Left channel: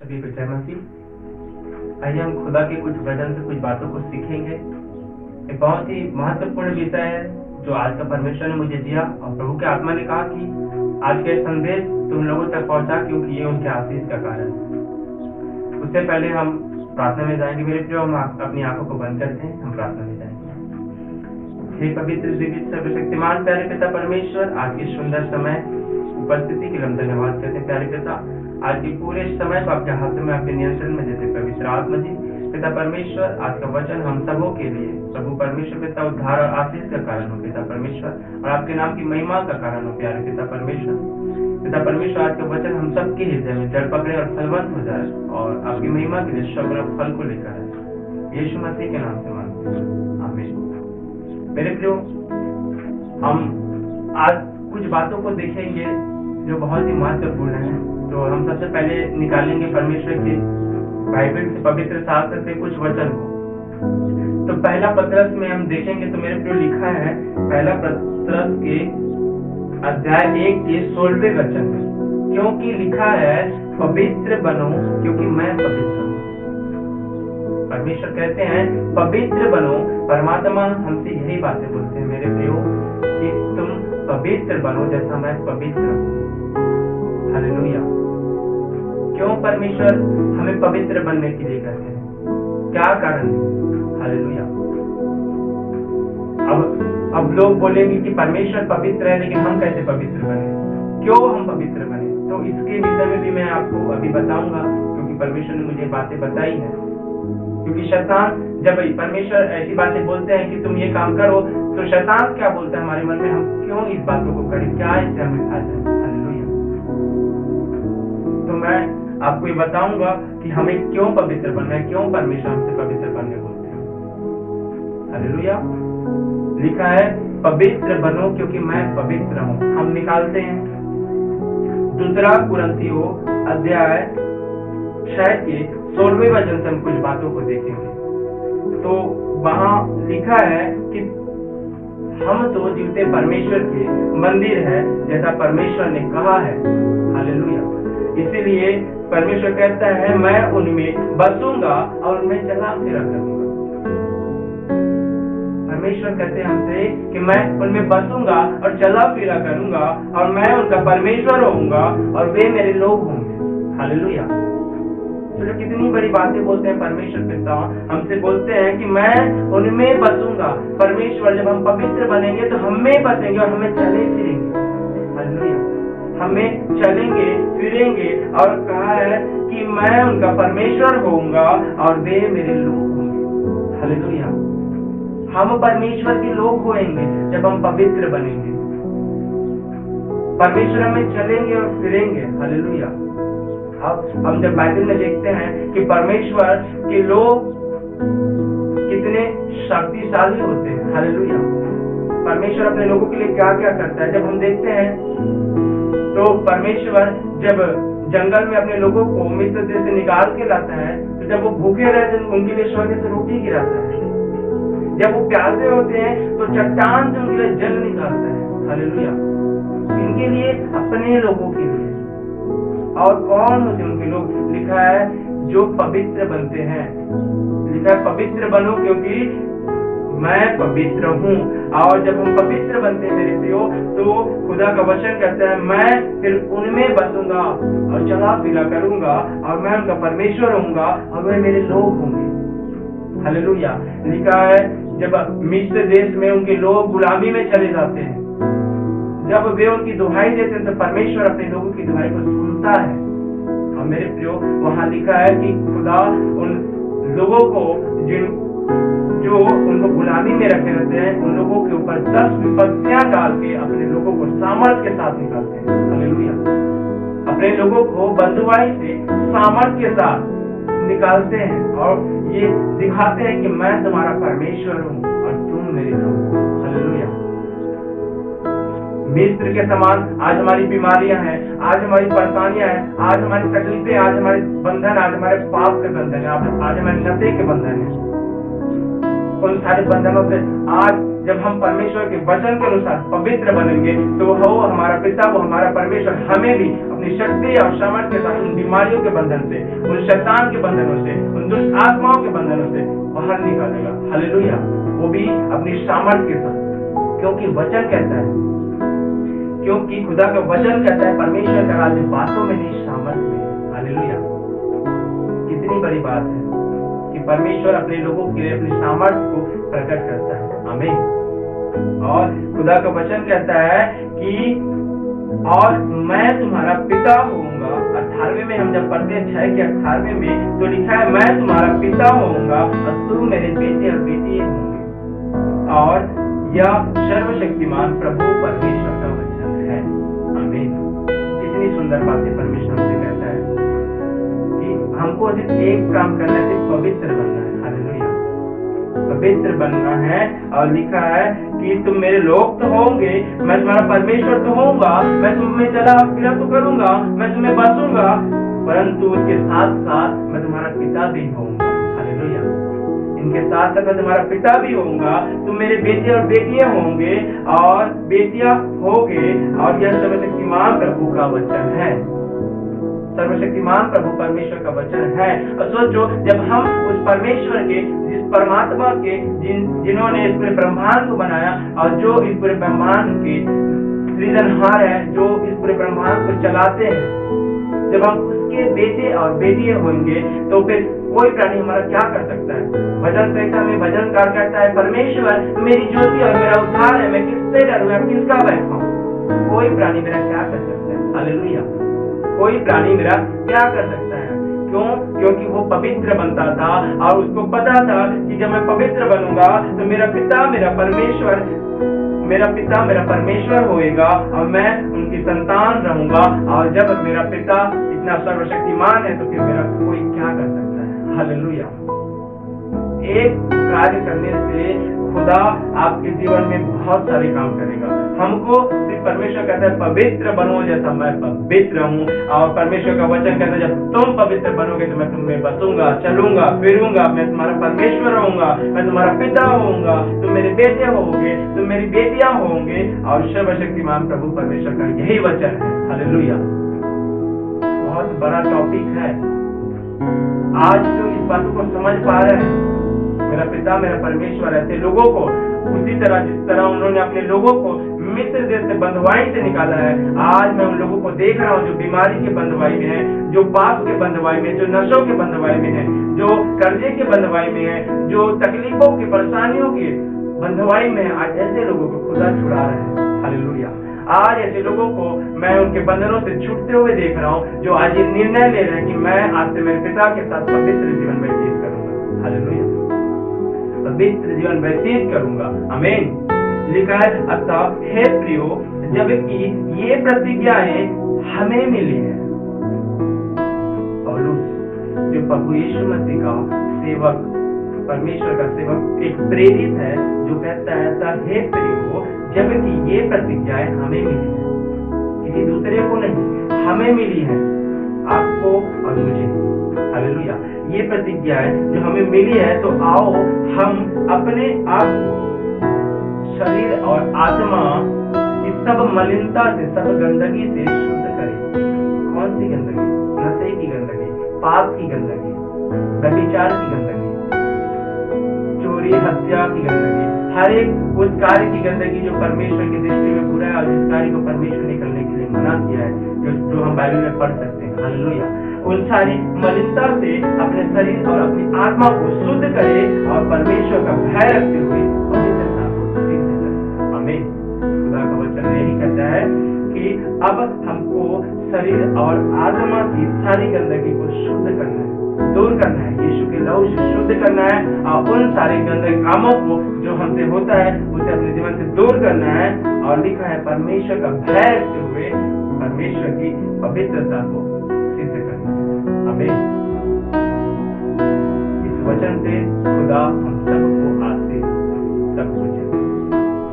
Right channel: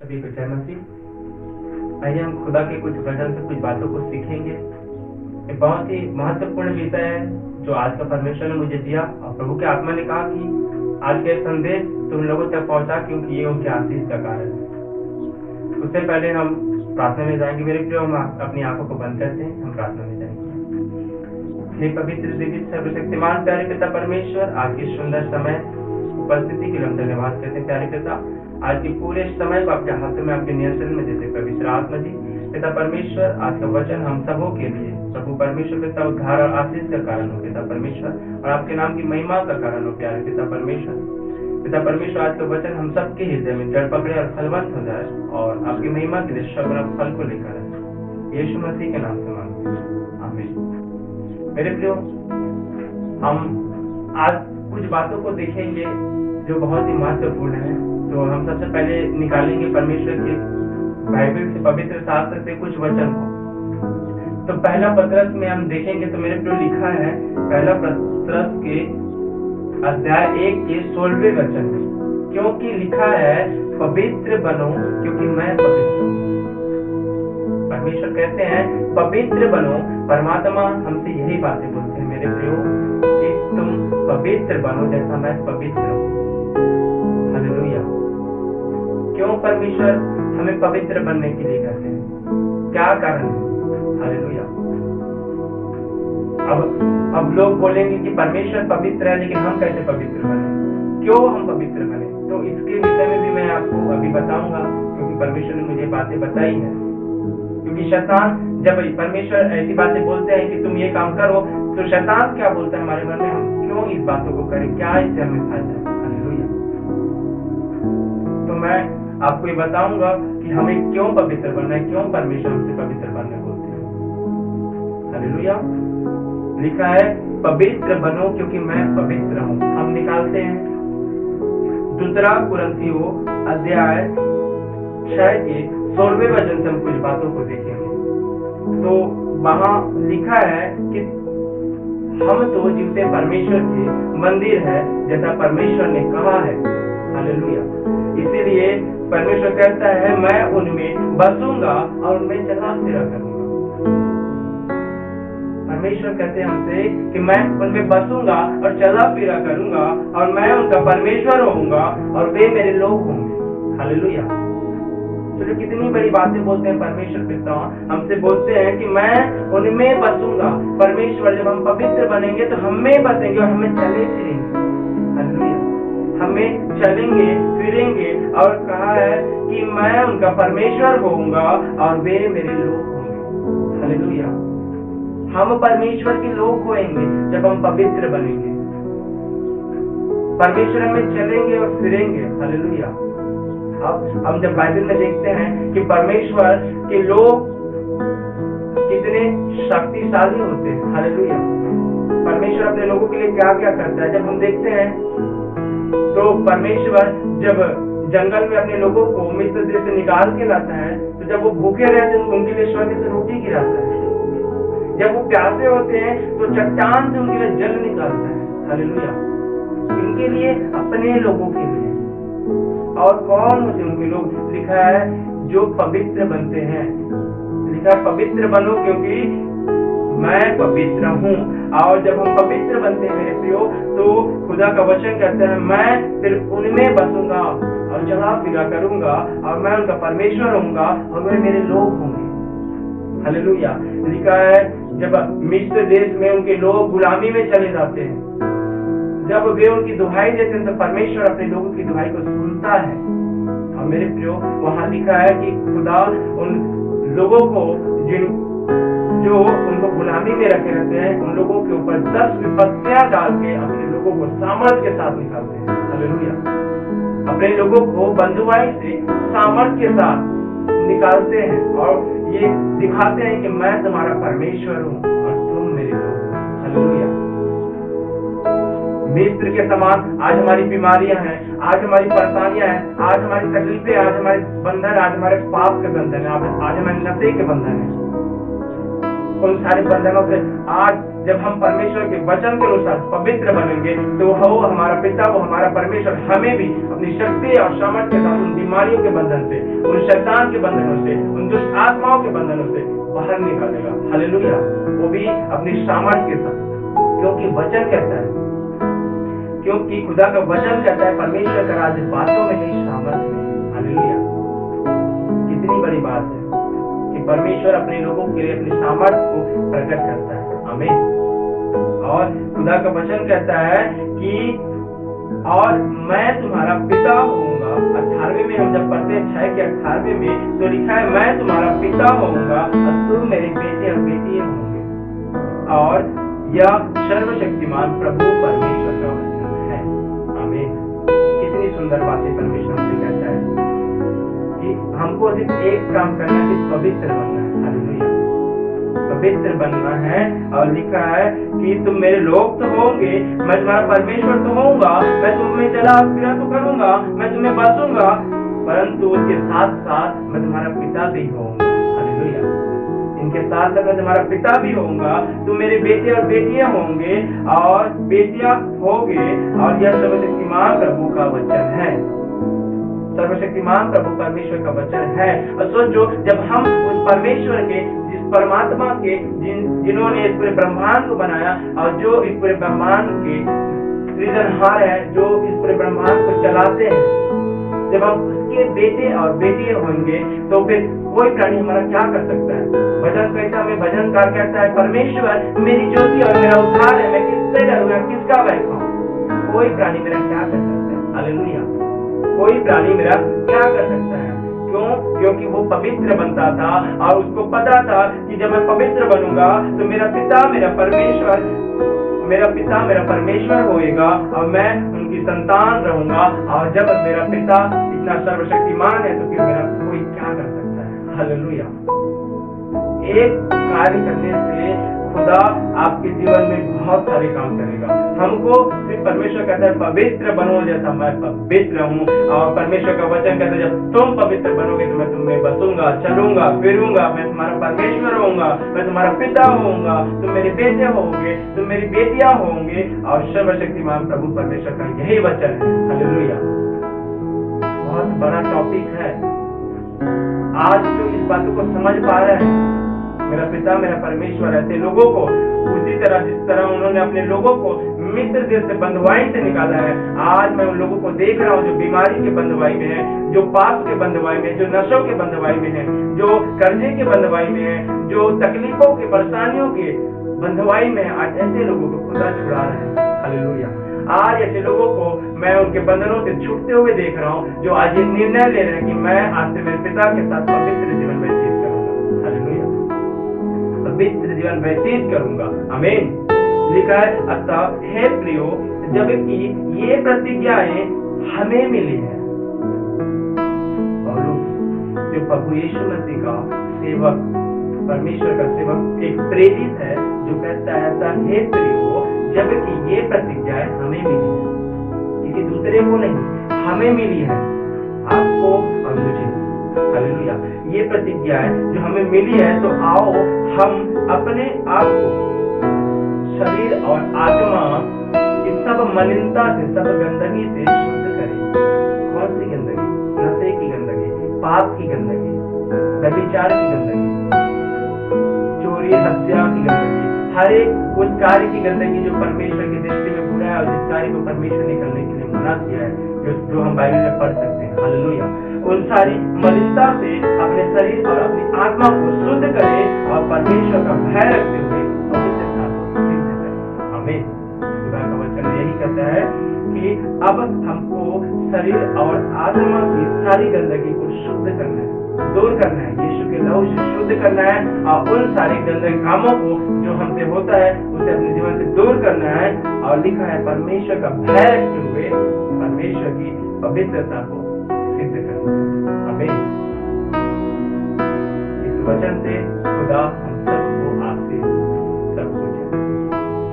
सभी को जय मसीह। आइए हम खुदा के कुछ वचन से कुछ बातों को सीखेंगे। एक बहुत ही महत्वपूर्ण विषय है जो आज का परमेश्वर ने मुझे दिया और प्रभु के आत्मा ने कहा कि आज के संदेश तुम लोगों तक पहुंचा, क्योंकि ये उनके आशीष का कारण है। उससे पहले हम प्रार्थना में जाएंगे। मेरे प्रिय, हम अपनी आंखों को बंद करते हैं, हम प्रार्थना में जाएंगे। हे पवित्र दिव्य सर्वशक्तिमान प्यारे पिता परमेश्वर, आज की सुंदर समय उपस्थिति के लिए हम धन्यवाद करते हैं। प्यारे पिता, आज के पूरे समय को आपके हाथों में, आपके नियंत्रण में देते पवित्र आत्मा जी पिता परमेश्वर, आज का वचन हम सबों के लिए प्रभु परमेश्वर पिता उद्धार और आशीष का कारण हो पिता परमेश्वर, और आपके नाम की महिमा का कारण हो प्यारे पिता परमेश्वर। पिता परमेश्वर, आज का वचन हम सबके हृदय में जड़ पकड़े और फलवंत हो जाए और आपकी महिमा के लिए सगुना फल को लेकर आए। यीशु मसीह के नाम से मांगते हैं, आमीन। मेरे प्रियो, हम आज कुछ बातों को देखेंगे जो बहुत ही महत्वपूर्ण है। तो हम सबसे पहले निकालेंगे परमेश्वर की बाइबल से, पवित्र शास्त्र से कुछ वचन को। तो पहला पत्रस में हम देखेंगे तो मेरे प्रियो लिखा है, पहला पत्रस के अध्याय 1 के 16वें वचन में, क्योंकि लिखा है पवित्र बनो क्योंकि मैं पवित्र हूँ। परमेश्वर कहते हैं पवित्र बनो। परमात्मा हमसे यही बातें बोलते हैं मेरे प्रियो कि तुम पवित्र बनो जैसा मैं पवित्र हूँ। हालेलुया। क्यों परमेश्वर हमें पवित्र बनने के लिए कहते हैं? क्या कारण है? हालेलुया। अब लोग बोलेंगे कि परमेश्वर पवित्र है, लेकिन हम कैसे पवित्र बने? क्यों हम पवित्र बने? तो इसके विषय में भी मैं आपको अभी बताऊंगा, क्योंकि परमेश्वर ने मुझे बातें बताई है। क्योंकि शैतान, जब परमेश्वर ऐसी बातें बोलते हैं कि तुम ये काम करो, तो शैतान क्या बोलता है हमारे मन में, हम क्यों इस बातों को करें, क्या इससे हमें फायदा है? हालेलुया। तो मैं आपको ये बताऊंगा कि हमें क्यों पवित्र बनना है, क्यों परमेश्वर हमसे पवित्र बनने बोलते हैं। हालेलुया। लिखा है पवित्र बनो क्योंकि मैं पवित्र हूँ। हम निकालते हैं 2 कुरिन्थियों अध्याय 6 के 16वें वचन से हम कुछ बातों को देखेंगे। तो वहां लिखा है कि हम तो जीवते परमेश्वर के मंदिर है, जैसा परमेश्वर ने कहा है। हालेलुया। इसीलिए परमेश्वर कहता है मैं उनमें बसूंगा और उनमें चला फिरा करूंगा। परमेश्वर कहते हैं हमसे कि मैं उनमें बसूंगा और चला फिरा करूंगा और मैं उनका परमेश्वर होऊंगा और वे मेरे लोग होंगे। हालेलुया। तो जो कितनी बड़ी बातें बोलते हैं परमेश्वर पिता, हमसे बोलते हैं कि मैं उनमें बसूंगा। परमेश्वर, जब हम पवित्र बनेंगे तो हम में बसेंगे और हमें चले फिरेंगे। हालेलुया। हमें चलेंगे फिरेंगे और कहा है कि मैं उनका परमेश्वर होऊंगा और वे मेरे लोग होंगे। हालेलुया। हम परमेश्वर के लोग होंगे जब हम पवित्र बनेंगे। परमेश्वर हमें चलेंगे और फिरेंगे। हालेलुया। अब हम जब बाइबल में देखते हैं कि परमेश्वर के लोग कितने शक्तिशाली होते हैं। हालेलुया। परमेश्वर अपने लोगों के लिए क्या क्या करता है, जब हम देखते हैं तो परमेश्वर जब जंगल में अपने लोगों को मिस्र देश से निकाल के लाता है, तो जब वो भूखे रहते हैं उनके लिए स्वर्ग से रोटी गिराता है। जब वो प्यासे होते हैं तो चट्टान से उनके लिए जल निकालता है। हालेलुया। इनके लिए, अपने लोगों के लिए। और कौन होते हैं उनके लोग? लिखा है जो पवित्र बनते हैं। लिखा है पवित्र बनो क्योंकि मैं पवित्र हूँ। और जब हम पवित्र बनते हैं मेरे प्रियो, तो खुदा का वचन कहता है मैं फिर उनमें बसूंगा और चला फिरा करूंगा और मैं उनका परमेश्वर होऊंगा और वे मेरे लोग होंगे। हालेलुया। लिखा है जब मिस्र देश में उनके लोग गुलामी में चले जाते हैं, जब वे उनकी दुहाई देते हैं तो परमेश्वर अपने लोगों की दुहाई को सुनता है। और मेरे प्रियो, वहां लिखा है कि खुदा उन लोगों को जो उनको गुलामी में रखे रहते हैं, उन लोगों के ऊपर 10 विपत्तियां डाल के अपने लोगों को सामर्थ के साथ निकालते हैं। हालेलुया। अपने लोगों को बंधुआई से सामर्थ के साथ निकालते हैं और ये दिखाते हैं कि मैं तुम्हारा परमेश्वर हूँ और तुम मेरे लोग हो। हालेलुया। मिस्र के समान आज हमारी बीमारियां हैं, आज हमारी परेशानियां हैं, आज हमारी तकलीफें, आज हमारे बंधन, आज हमारे पाप के बंधन है, आज हमारे नशे के बंधन है। उन सारे बंधनों से आज जब हम परमेश्वर के वचन के अनुसार पवित्र बनेंगे तो वो हमारा पिता, वो हमारा परमेश्वर हमें भी अपनी शक्ति और सामर्थ्य के साथ उन बीमारियों के बंधन से, उन शैतान के बंधनों से, उन दुष्ट आत्माओं के बंधनों से बाहर निकालेगा। हालेलुया। वो भी अपनी सामर्थ्य के साथ, क्योंकि वचन कहता है, क्योंकि खुदा का वचन कहता है परमेश्वर का राज्य बातों में नहीं सामर्थ्य में। हालेलुया। कितनी बड़ी बात है कि परमेश्वर अपने लोगों के लिए अपनी सामर्थ्य को प्रकट करता है। आमीन। और खुदा का वचन कहता है कि और मैं तुम्हारा पिता होऊंगा। 18वें में हम जब पढ़ते हैं 6 के 18वें में तो लिखा है मैं तुम्हारा पिता होऊंगा और तुम मेरे बेटे और बेटियां होंगे। और यह सर्वशक्तिमान प्रभु परमेश्वर का वचन है। आमीन। कितनी सुंदर बातें परमेश्वर हमसे कहता है कि हमको सिर्फ एक काम करना है, सिर्फ पवित्र बनना है। हालेलुया। पवित्र बनना है। और लिखा है कि तुम मेरे लोग तो होंगे, मैं तुम्हारा परमेश्वर तो होऊंगा, मैं तुम में चला फिरा तो करूंगा, मैं तुम्हें बसूंगा, परंतु उसके साथ साथ मैं तुम्हारा पिता भी होऊंगा। हालेलुया। इनके साथ साथ मैं तुम्हारा पिता भी होऊंगा, तुम मेरे बेटे और बेटियां होंगे और बेटियां होगे। और यह सर्वशक्तिमान प्रभु का वचन है। सर्वशक्तिमान प्रभु परमेश्वर का वचन है। और सोचो, जब हम उस परमेश्वर के, जिस परमात्मा के, जिन्होंने इस पूरे ब्रह्मांड को बनाया और जो इस पूरे ब्रह्मांड के सृजनहार है, जो इस पूरे ब्रह्मांड को चलाते हैं, जब हम उसके बेटे और बेटियां होंगे तो फिर कोई प्राणी हमारा क्या कर सकता है? भजन कहता है, भजनकार कहता है परमेश्वर मेरी ज्योति और मेरा उद्धार है, मैं किससे डरूं, मैं किसका भय खाऊं? कोई प्राणी मेरा क्या कर सकता है? हालेलुया। कोई प्राणी मेरा क्या कर सकता है? क्यों? क्योंकि वो पवित्र बनता था और उसको पता था कि जब मैं पवित्र बनूंगा तो मेरा पिता मेरा परमेश्वर होएगा और मैं उनकी संतान रहूंगा। और जब मेरा पिता इतना सर्वशक्तिमान है तो फिर मेरा कोई क्या कर सकता है? हालेलुया। एक कार्य करने से खुदा आपके जीवन में बहुत सारे काम करेगा। हमको सिर्फ परमेश्वर कहता है पवित्र बनो जैसा मैं पवित्र हूँ। और परमेश्वर का वचन कहता है जब तुम पवित्र बनोगे तो मैं तुम्हें बसूंगा, चलूंगा, फिरूंगा, मैं तुम्हारा परमेश्वर होऊंगा, मैं तुम्हारा पिता होऊंगा, तुम मेरे बेटे होंगे, तुम मेरी बेटियां होंगे। और सर्वशक्तिमान प्रभु परमेश्वर का यही वचन है। हालेलुया। बहुत बड़ा टॉपिक है। आज तो इस बातों को समझ पा रहे हैं। मेरा पिता मेरा परमेश्वर ऐसे लोगों को उसी तरह जिस तरह उन्होंने अपने लोगों को मिस्र देश से बंधुआई से निकाला है, आज मैं उन लोगों को देख रहा हूँ जो बीमारी के बंधुआई में है, जो पाप के बंधुआई में, जो नशों के बंधुआई में है, जो कर्जे के बंधुआई में है, जो तकलीफों के परेशानियों के बंधुआई में है। आज ऐसे लोगों को खुदा छुड़ा रहे हैं। हालेलुया। आज ऐसे लोगों को मैं उनके बंधनों से छूटते हुए देख रहा हूँ जो आज ये निर्णय ले रहे हैं कि मैं आज से मेरे पिता के साथ पवित्र जीवन व्यतीत करूंगा। हालेलुया। पवित्र जीवन व्यतीत करूंगा। आमीन। लिखा है अतः हे प्रियो, जबकि ये प्रतिज्ञाएं हमें मिली है। पौलुस जो प्रभु यीशु मसीह का सेवक, परमेश्वर का सेवक, एक प्रेरित है जो कहता है अतः हे प्रियो, जबकि ये प्रतिज्ञाएं हमें मिली है, किसी दूसरे को नहीं, हमें मिली है, आपको और मुझे। हालेलुया। ये प्रतिज्ञाएं जो हमें मिली है तो आओ हम अपने आप को शरीर और आत्मा की सब मलिनता से, सब गंदगी से शुद्ध करें। कौन सी गंदगी? नशे की गंदगी, पाप की गंदगी, व्यभिचार की गंदगी, चोरी हत्या की गंदगी, हर एक उस कार्य की गंदगी जो परमेश्वर की दृष्टि में बुरा है और जिस कार्य को परमेश्वर ने करने के लिए मना किया है, जो हम बाइबल में पढ़ सकते हैं। हालेलुया। उन सारी मलिनता से अपने शरीर और अपनी आत्मा को शुद्ध करे और परमेश्वर का भय रखते हुए पवित्रता को सिद्ध करे। आमीन। खुदा का वचन यही कहता है कि अब हमको शरीर और आत्मा की सारी गंदगी को शुद्ध करना है, दूर करना है, यीशु के लहू से शुद्ध करना है और उन सारे गंदे कामों को जो हमसे होता है उसे अपने जीवन से दूर करना है। और लिखा है परमेश्वर का भय रखते हुए परमेश्वर की पवित्रता को सिद्ध करना है। आमीन। इस वचन से खुदा हम सबको आशीष सब